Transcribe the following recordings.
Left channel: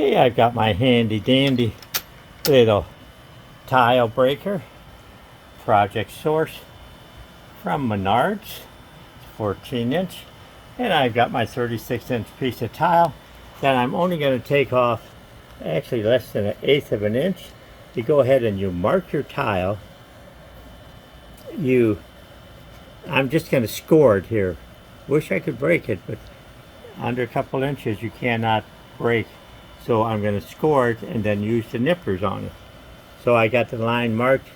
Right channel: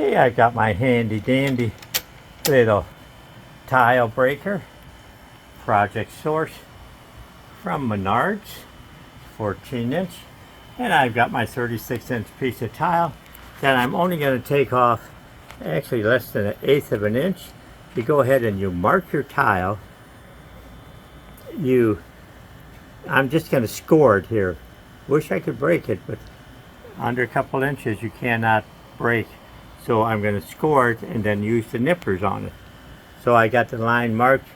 Okay, I've got my handy dandy little tile breaker, Project Source from Menards, 14-inch, and I've got my 36-inch piece of tile that I'm only going to take off actually less than 1/8 of an inch. You go ahead and you mark your tile. I'm just going to score it here. Wish I could break it, but under a couple inches you cannot break. So I'm going to score it and then use the nippers on it. So I got the line marked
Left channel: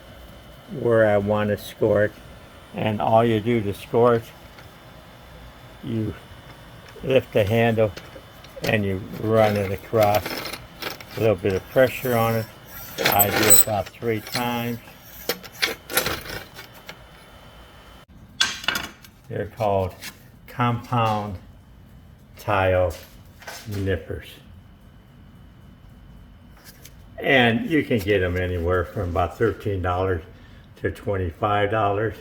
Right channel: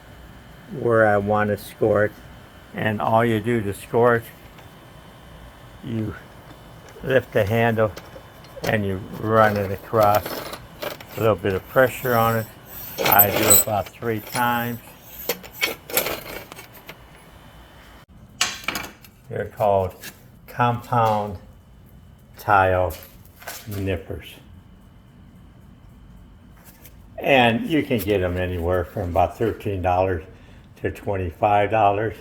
where I want to score it, and all you do to score it, you lift the handle and you run it across. A little bit of pressure on it. I do about 3 times. They're called compound tile nippers. And you can get them anywhere from about $13 to $25.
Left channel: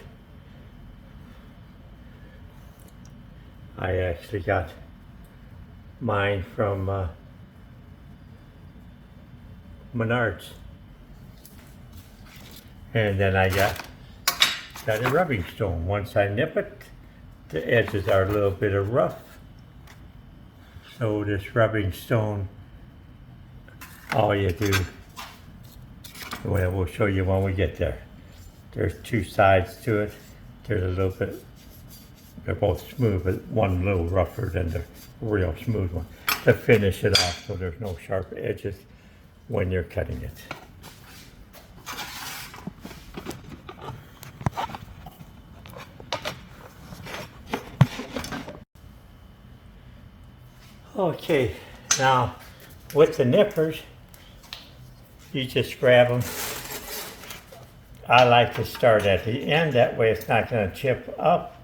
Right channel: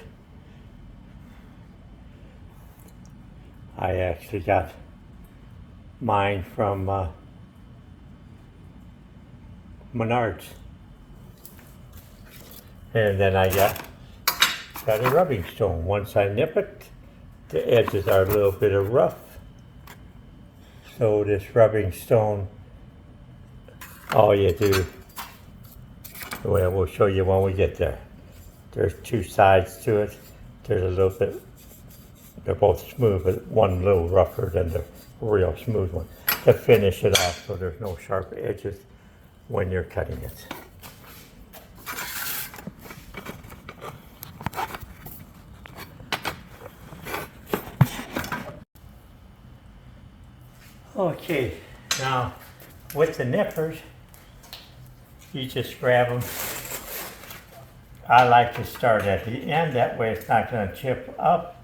I actually got mine from Menards. And then I got a rubbing stone. Once I nip it, the edges are a little bit of rough. So this rubbing stone, all you do, well, we'll show you when we get there. There's 2 sides to it. There's a little bit, they're both smooth, but one a little rougher than the real smooth one, to finish it off so there's no sharp edges when you're cutting it. Okay, now with the nippers, you just grab them. I like to start at the end, that way it's not going to chip up.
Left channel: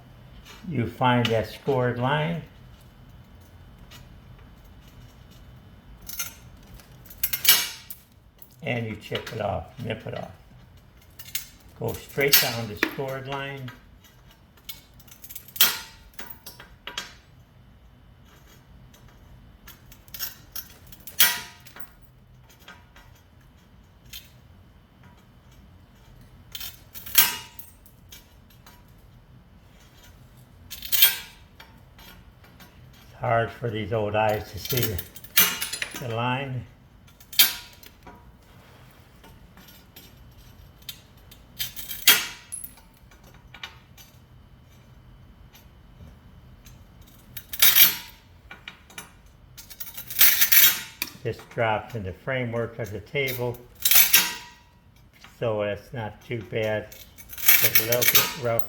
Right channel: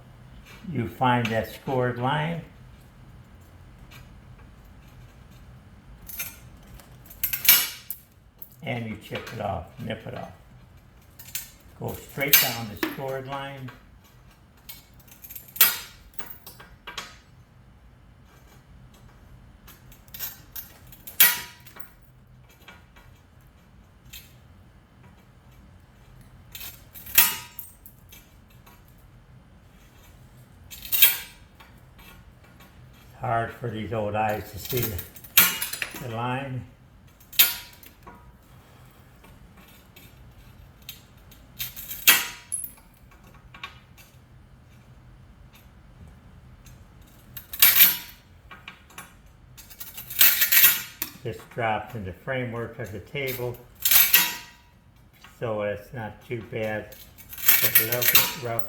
You find that scored line. And you chip it off, nip it off. Go straight down the scored line. It's hard for these old eyes to see the line. This drops in the framework of the table, so it's not too bad. It's a little bit rough.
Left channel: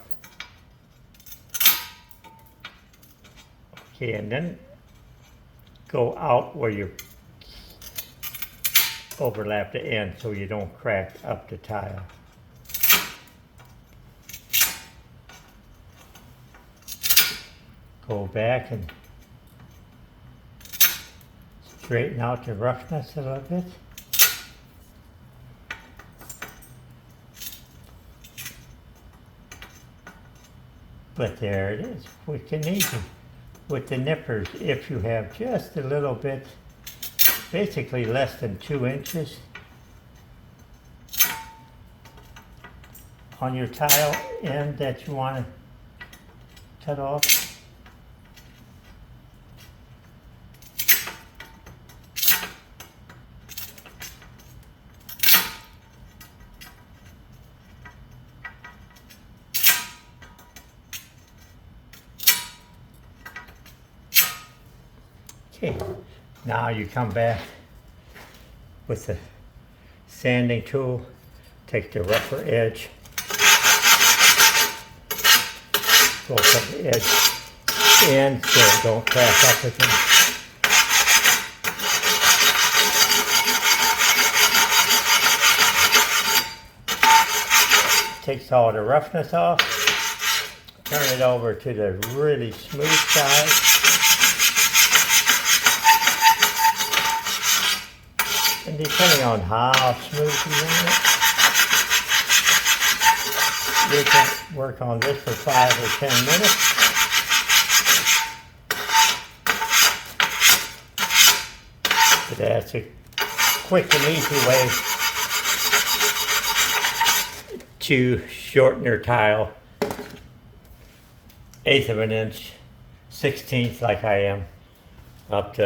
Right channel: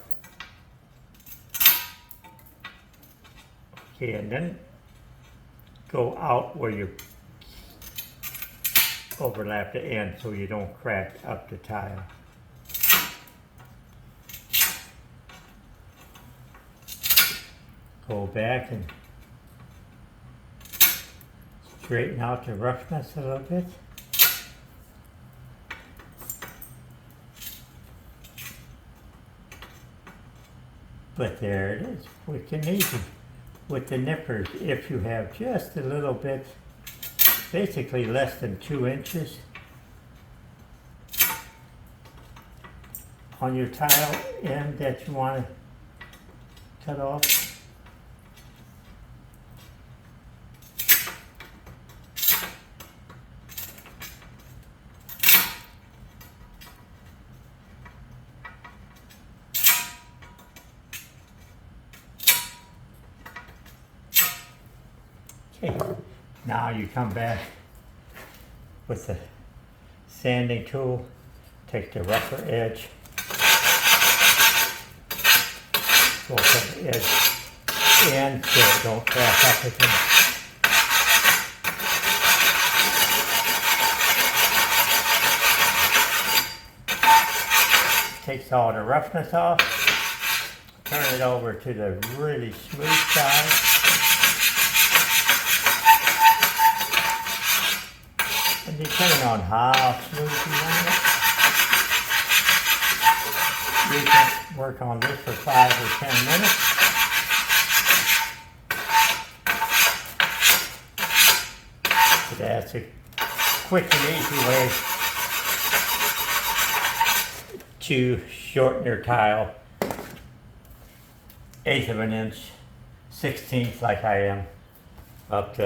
Okay, and then go out where you overlap the end so you don't crack up the tile. Go back and straighten out the roughness a little bit. But there it is, quick and easy. With the nippers, if you have just a little bit, basically less than 2 inches on your tile end that you want to cut off, okay, now you come back with the sanding tool, take the rougher edge, go from the edge in so it don't crack up again. Takes all the roughness off, turn it over to the really smooth side. And depending on how smooth you want it, you can work on this for 5 or 10 minutes. It That's a quick and easy way to shorten your tile. 1/8 of an inch, 1/16 like I am, up to